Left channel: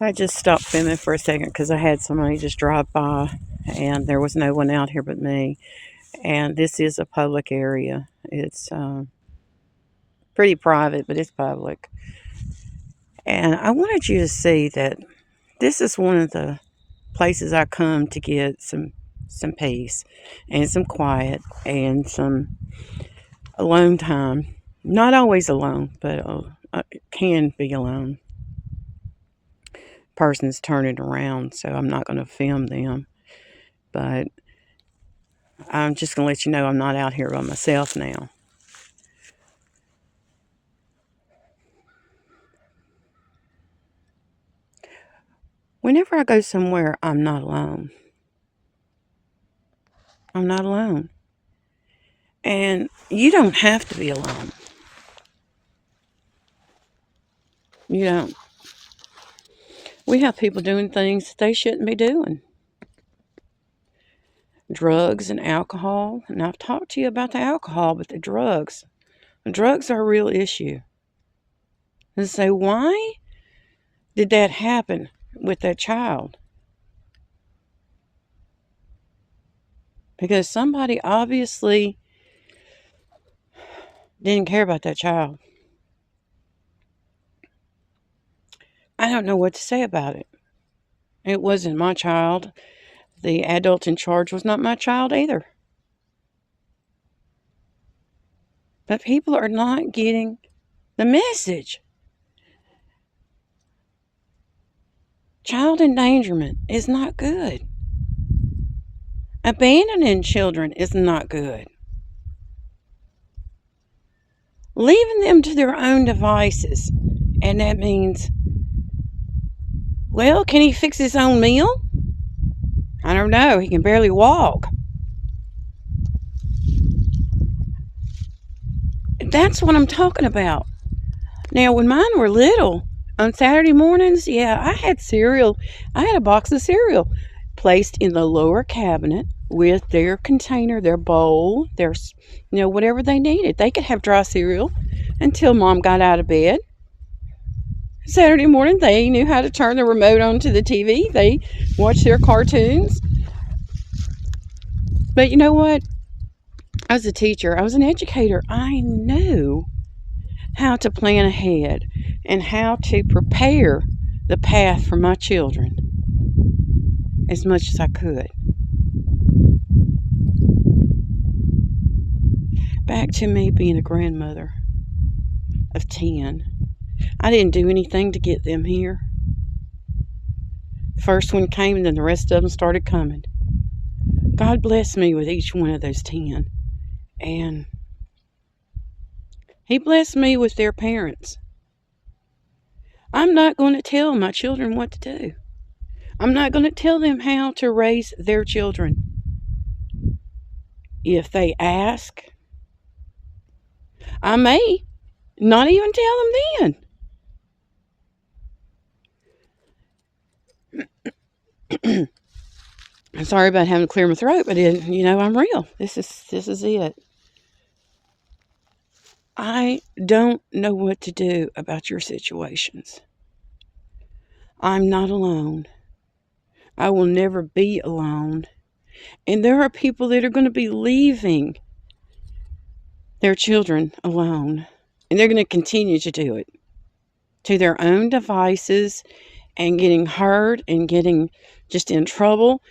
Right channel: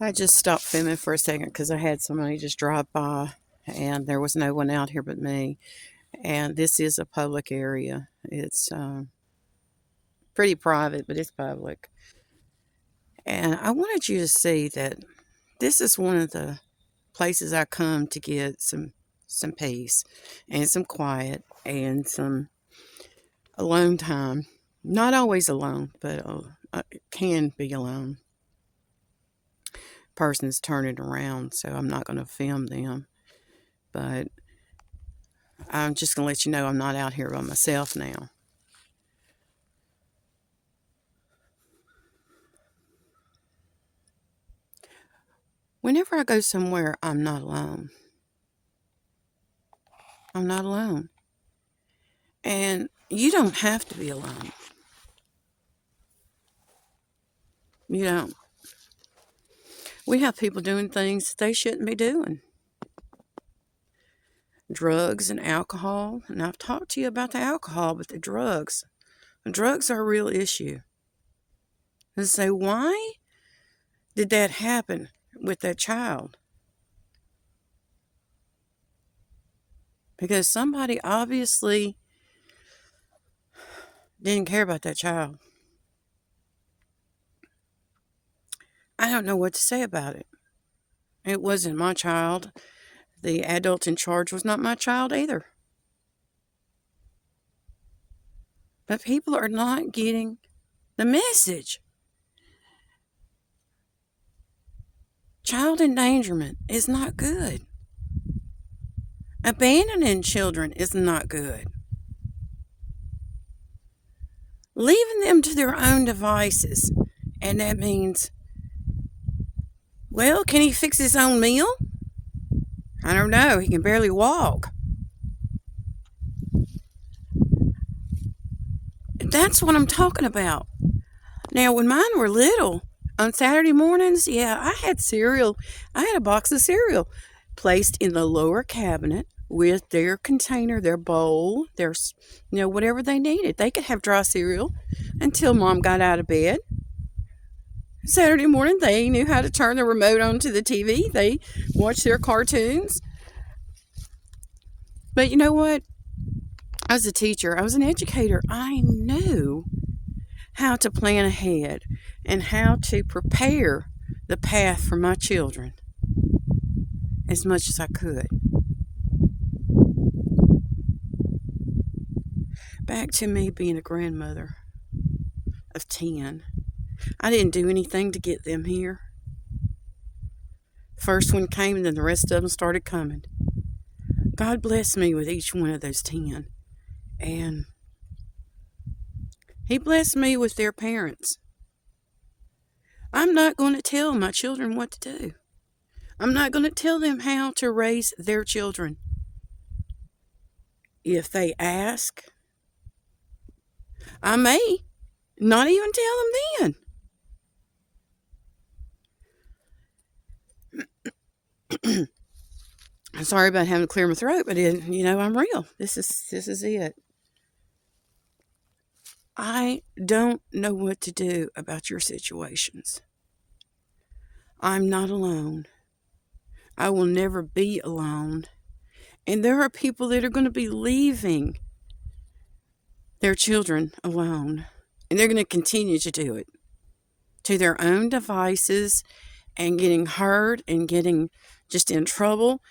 I just stopped filming for a second because I had somebody just drive by and there was no one out here but me. And this is a public area. It's pretty private, but it's public. And I wanted you to see that this is one of the places I come to get some peace and some quiet and some alone time. Not always alone, but it can be alone. Person's turning around, so I'm not going to film them. But I'm just going to let you know I'm not out here by myself now. Whenever I go somewhere, I'm not alone. I'm not alone. And you don't have to be alone. You don't. We have people doing things that they shouldn't be doing. Drugs and alcohol. And I've talked to you about the alcohol, but the drugs are a real issue. And so why did that happen with that child? Because somebody obviously didn't care about that child. I don't know what to say about it. It wasn't my child. The adult in charge was not my child either. But people are not getting the message. Child endangerment is not good. Abandoning children is not good. Leaving them to their own devices, and that means, well, can he fix his own meal? I don't know. He can barely walk. That's what I'm talking about. Now, when mine were little, on Saturday mornings, I had cereal. I had a box of cereal placed in the lower cabinet with their container, their bowl, their, whatever they needed. They could have dry cereal until Mom got out of bed. Saturday morning, they knew how to turn the remote on to the TV. They watched their cartoons. But you know what? As a teacher, I was an educator. I knew how to plan ahead and how to prepare the path for my children as much as I could. Back to me being a grandmother of 10. I didn't do anything to get them here. First one came, and then the rest of them started coming. God blessed me with each one of those 10. And He blessed me with their parents. I'm not going to tell my children what to do. I'm not going to tell them how to raise their children. If they ask, I may not even tell them then. I'm sorry about having to clear my throat, but I'm real. This is it. I don't know what to do about your situations. I'm not alone. I will never be alone. And there are people that are going to be leaving their children alone. And they're going to continue to do it to their own devices and getting hurt and getting just in trouble.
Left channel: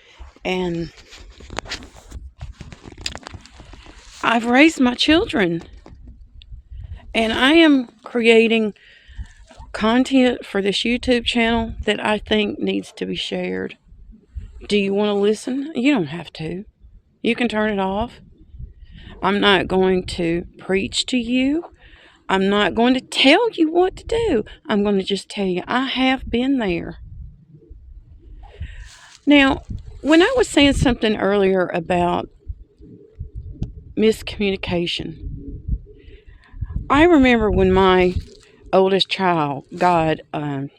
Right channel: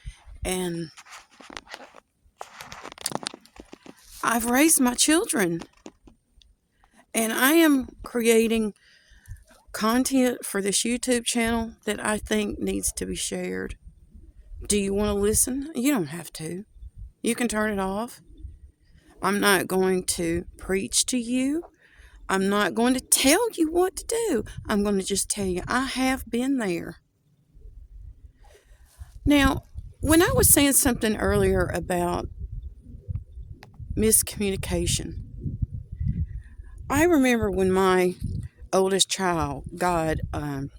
And I've raised my children. And I am creating content for this YouTube channel that I think needs to be shared. Do you want to listen? You don't have to. You can turn it off. I'm not going to preach to you. I'm not going to tell you what to do. I'm going to just tell you I have been there. Now, when I was saying something earlier about miscommunication, I remember when my oldest child got a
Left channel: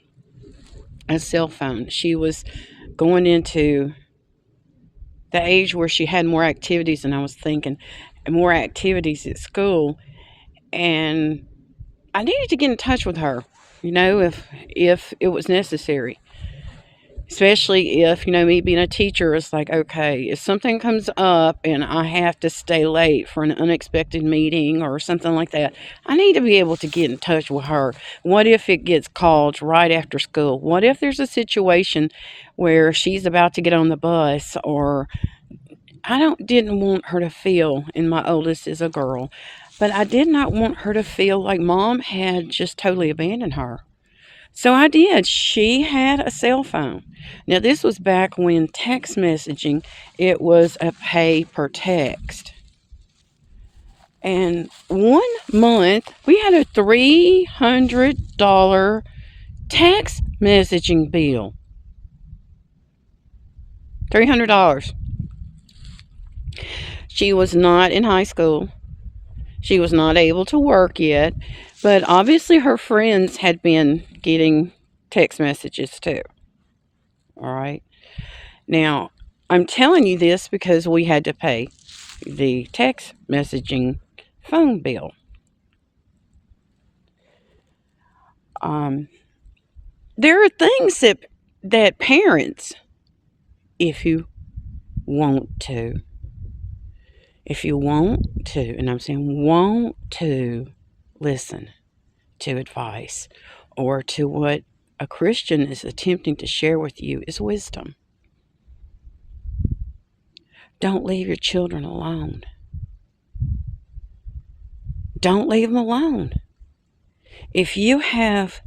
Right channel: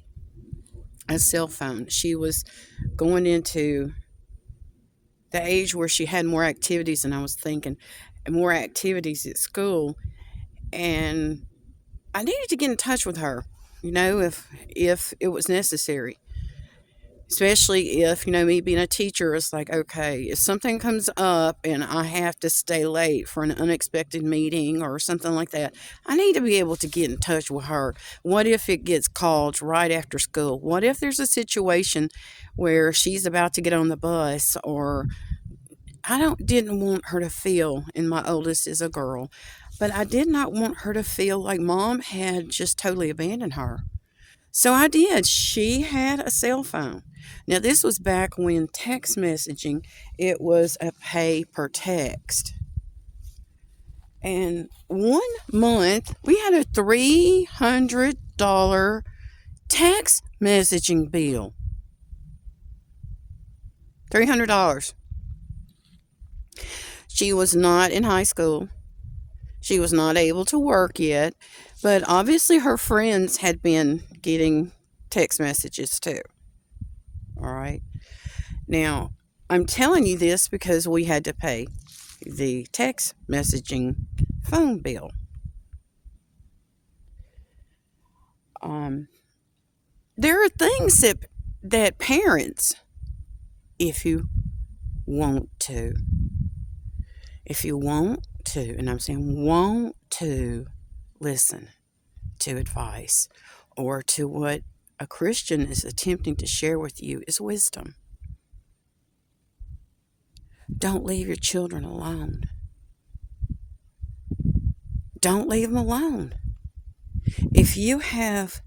cell phone. She was going into the age where she had more activities than I was thinking, and more activities at school. And I needed to get in touch with her, if it was necessary. Especially if, me being a teacher is like, okay, if something comes up and I have to stay late for an unexpected meeting or something like that, I need to be able to get in touch with her. What if it gets called right after school? What if there's a situation where she's about to get on the bus, or didn't want her to feel, and my oldest is a girl, but I did not want her to feel like mom had just totally abandoned her. So I did. She had a cell phone. Now, this was back when text messaging, it was a pay per text. And one month, we had a $300 text messaging bill. $300. She was not in high school. She was not able to work yet. But obviously, her friends had been getting text messages too. All right. Now, I'm telling you this because we had to pay the text messaging phone bill. There are things that parents, if you want to, and I'm saying want to listen to advice or to what a Christian is attempting to share with you is wisdom. Don't leave your children alone. Don't leave them alone. If you have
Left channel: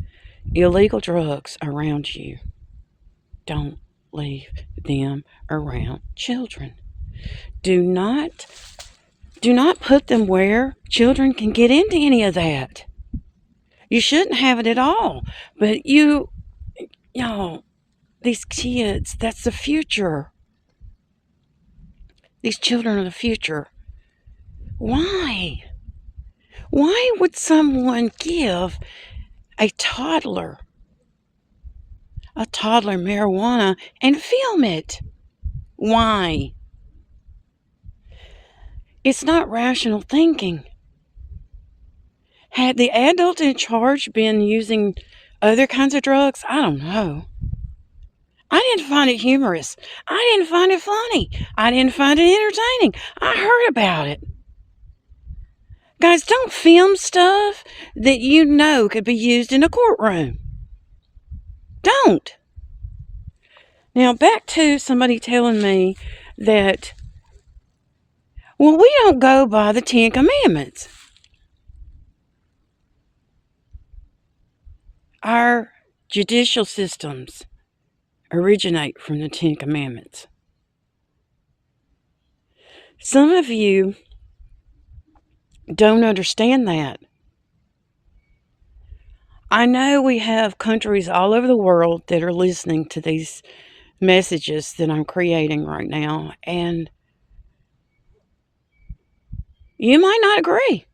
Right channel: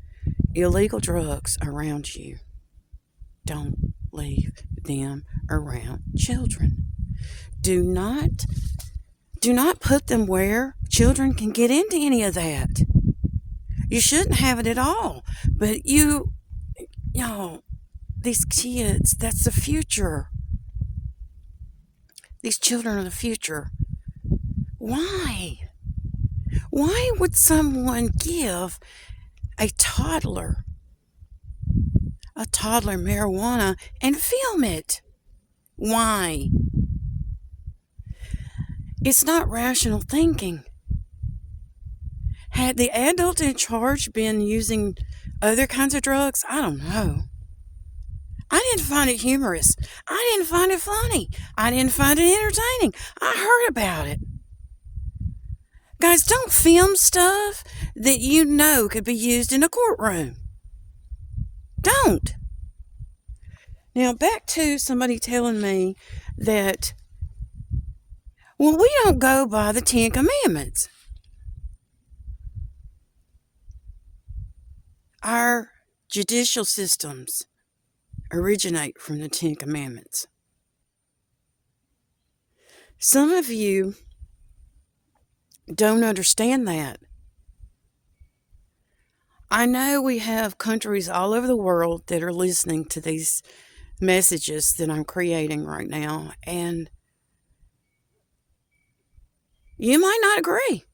illegal drugs around you, don't leave them around children. Do not put them where children can get into any of that. You shouldn't have it at all. But these kids, that's the future. These children are the future. Why? Why would someone give a toddler marijuana and film it? Why? It's not rational thinking. Had the adult in charge been using other kinds of drugs? I don't know. I didn't find it humorous. I didn't find it funny. I didn't find it entertaining. I heard about it. Guys, don't film stuff that you know could be used in a courtroom. Don't. Now, back to somebody telling me that, well, we don't go by the 10 Commandments. Our judicial systems originate from the 10 Commandments. Some of you don't understand that. I know we have countries all over the world that are listening to these messages that I'm creating right now, and you might not agree.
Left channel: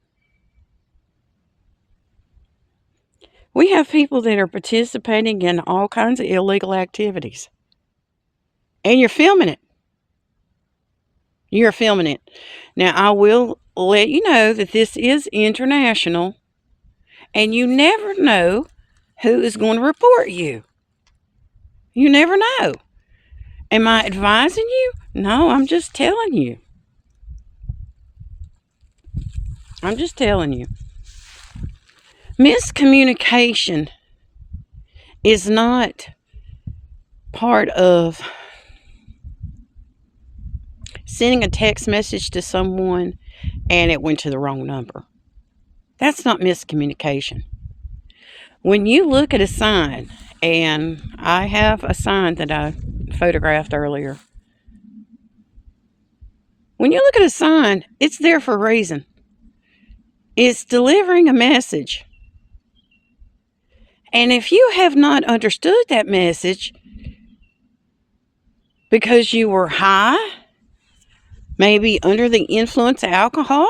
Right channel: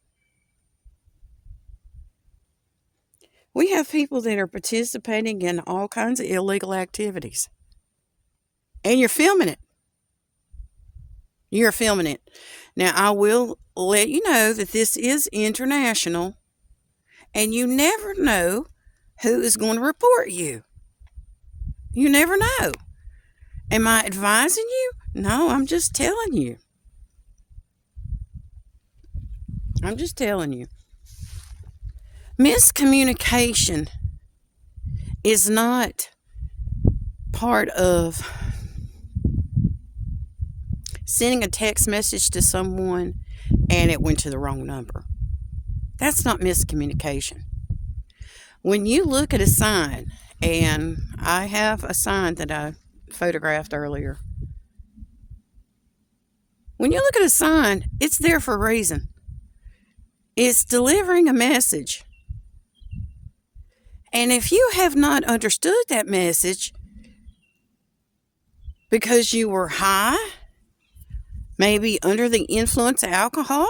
We have people that are participating in all kinds of illegal activities. And you're filming it. You're filming it. Now, I will let you know that this is international, and you never know who is going to report you. You never know. Am I advising you? No, I'm just telling you. I'm just telling you. Miscommunication is not part of sending a text message to someone and it went to the wrong number. That's not miscommunication. When you look at a sign, and I have a sign that I photographed earlier. When you look at a sign, it's there for a reason. It's delivering a message. And if you have not understood that message because you were high, maybe under the influence of alcohol,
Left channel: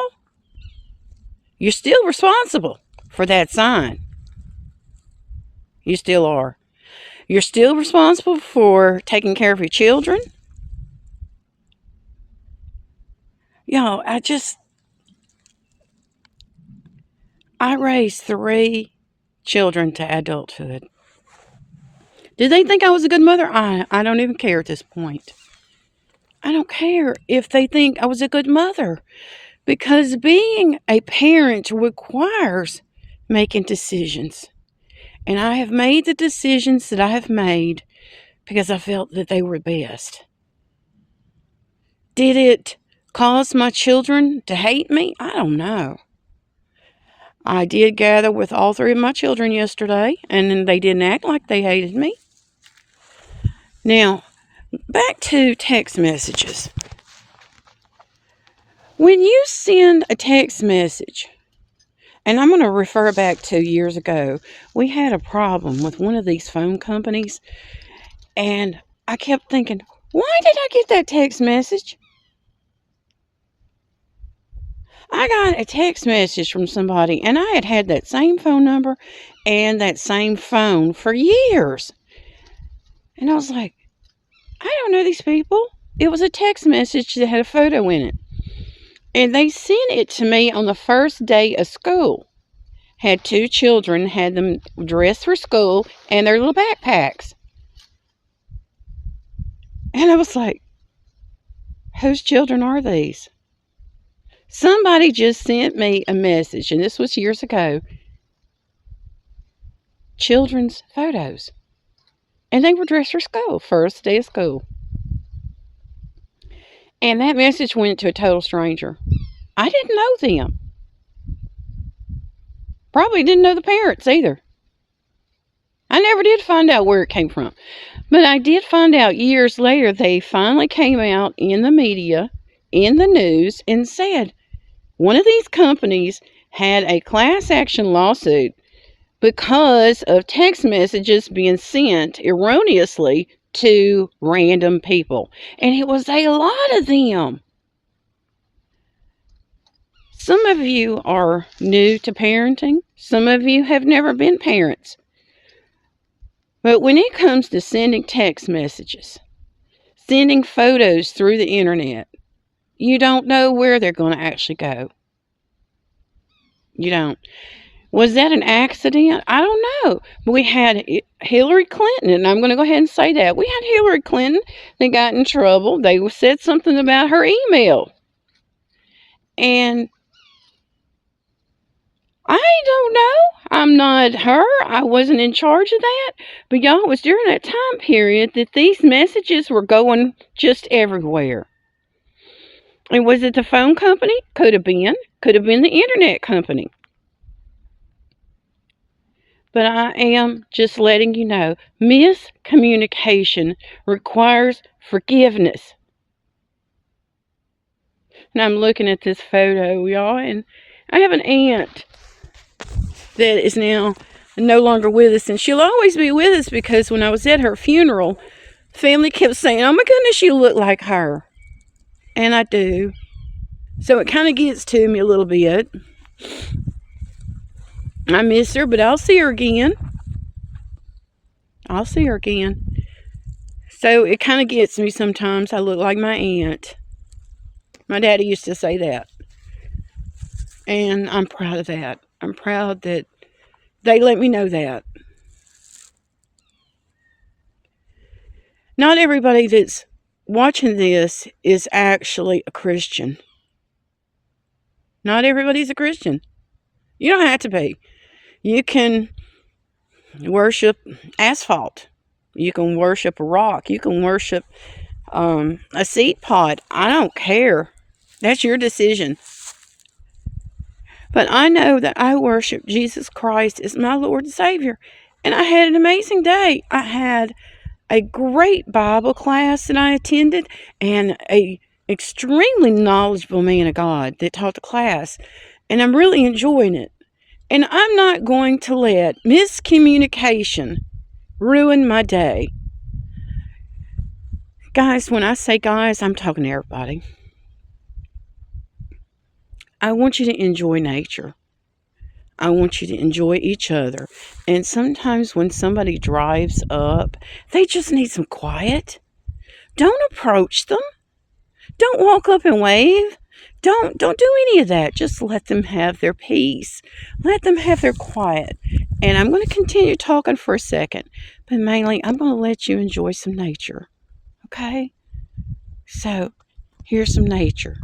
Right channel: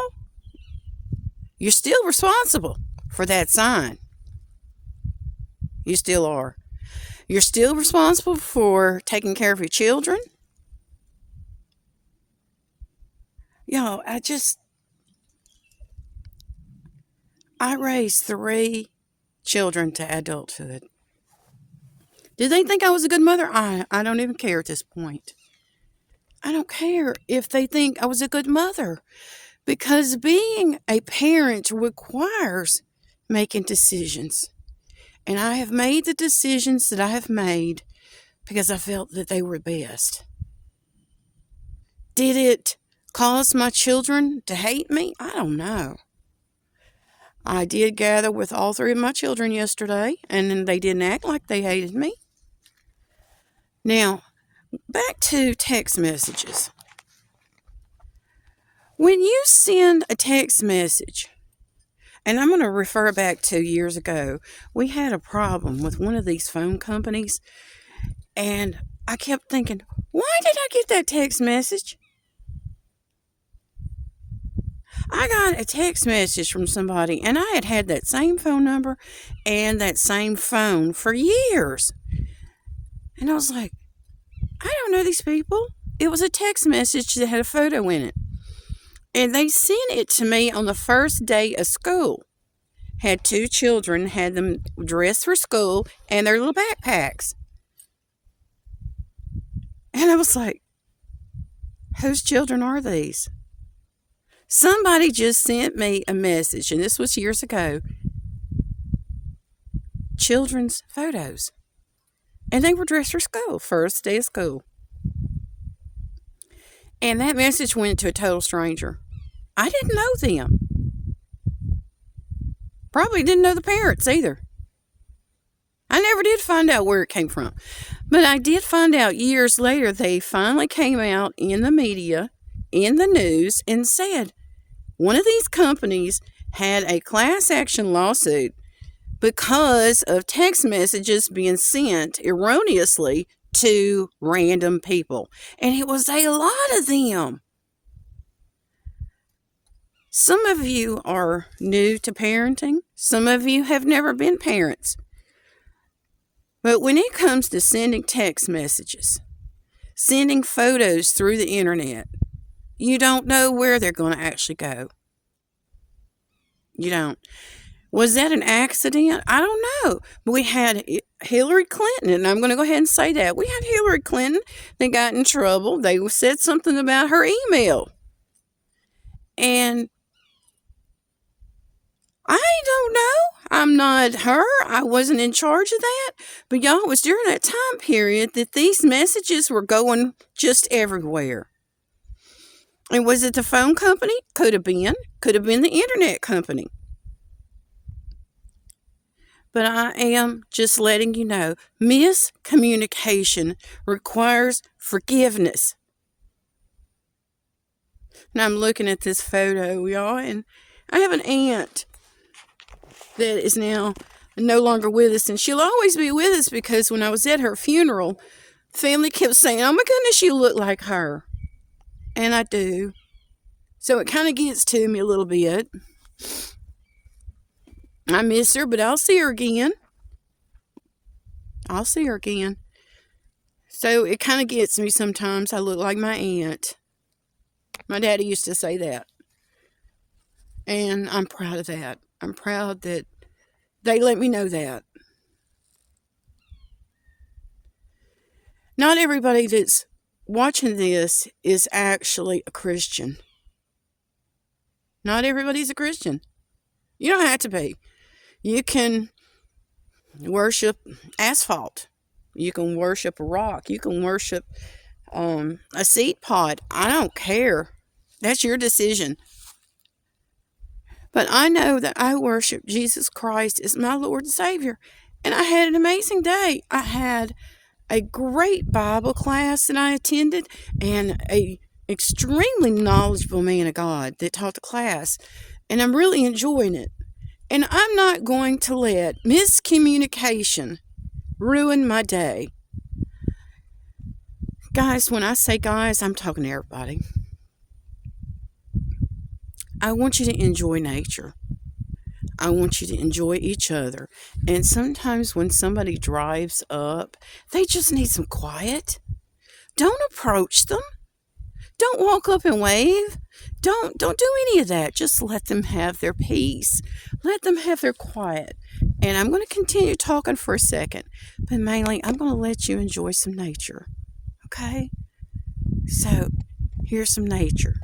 you're still responsible for that sign. You still are. You're still responsible for taking care of your children. I raised 3 children to adulthood. Did they think I was a good mother? I don't even care at this point. I don't care if they think I was a good mother, because being a parent requires making decisions. And I have made the decisions that I have made because I felt that they were best. Did it cause my children to hate me? I don't know. I did gather with all three of my children yesterday, and they didn't act like they hated me. Now, back to text messages. When you send a text message, and I'm going to refer back to years ago, we had a problem with one of these phone companies, and I kept thinking, why did I get that text message? I got a text message from somebody, and I had had that same phone number and that same phone for years. And I was like, I don't know these people. It was a text message that had a photo in it. And they sent it to me on the first day of school. Had two children, had them dressed for school and their little backpacks. And I was like, whose children are these? Somebody just sent me a message, and this was years ago. Children's photos. And they were dressed for school, first day of school. And that message went to a total stranger. I didn't know them. Probably didn't know the parents either. I never did find out where it came from. But I did find out years later they finally came out in the media, in the news, and said one of these companies had a class action lawsuit because of text messages being sent erroneously to random people. And it was a lot of them. Some of you are new to parenting. Some of you have never been parents. But when it comes to sending text messages, sending photos through the internet, you don't know where they're going to actually go. You don't. Was that an accident? I don't know. But we had Hillary Clinton, and I'm going to go ahead and say that. We had Hillary Clinton that got in trouble. They said something about her email. And I don't know. I'm not her. I wasn't in charge of that. But y'all, it was during that time period that these messages were going just everywhere. And was it the phone company? Could have been. Could have been the internet company. But I am just letting you know, miscommunication requires forgiveness. And I'm looking at this photo, y'all, and I have an aunt that is now no longer with us, and she'll always be with us because when I was at her funeral, family kept saying, oh my goodness, you look like her. And I do. So it kind of gets to me a little bit. I miss her, but I'll see her again. I'll see her again. So it kind of gets me sometimes. I look like my aunt. My daddy used to say that. And I'm proud of that. I'm proud that they let me know that. Not everybody that's watching this is actually a Christian. Not everybody's a Christian. You don't have to be. You can worship asphalt. You can worship a rock. You can worship a seed pod. I don't care. That's your decision. But I know that I worship Jesus Christ as my Lord and Savior. And I had an amazing day. I had a great Bible class that I attended and a extremely knowledgeable man of God that taught the class. And I'm really enjoying it. And I'm not going to let miscommunication ruin my day. Guys, when I say guys, I'm talking to everybody. I want you to enjoy nature. I want you to enjoy each other. And sometimes when somebody drives up, they just need some quiet. Don't approach them. Don't walk up and wave. Don't do any of that. Just let them have their peace. Let them have their quiet. And I'm going to continue talking for a second, but mainly I'm going to let you enjoy some nature. Okay? So, here's some nature.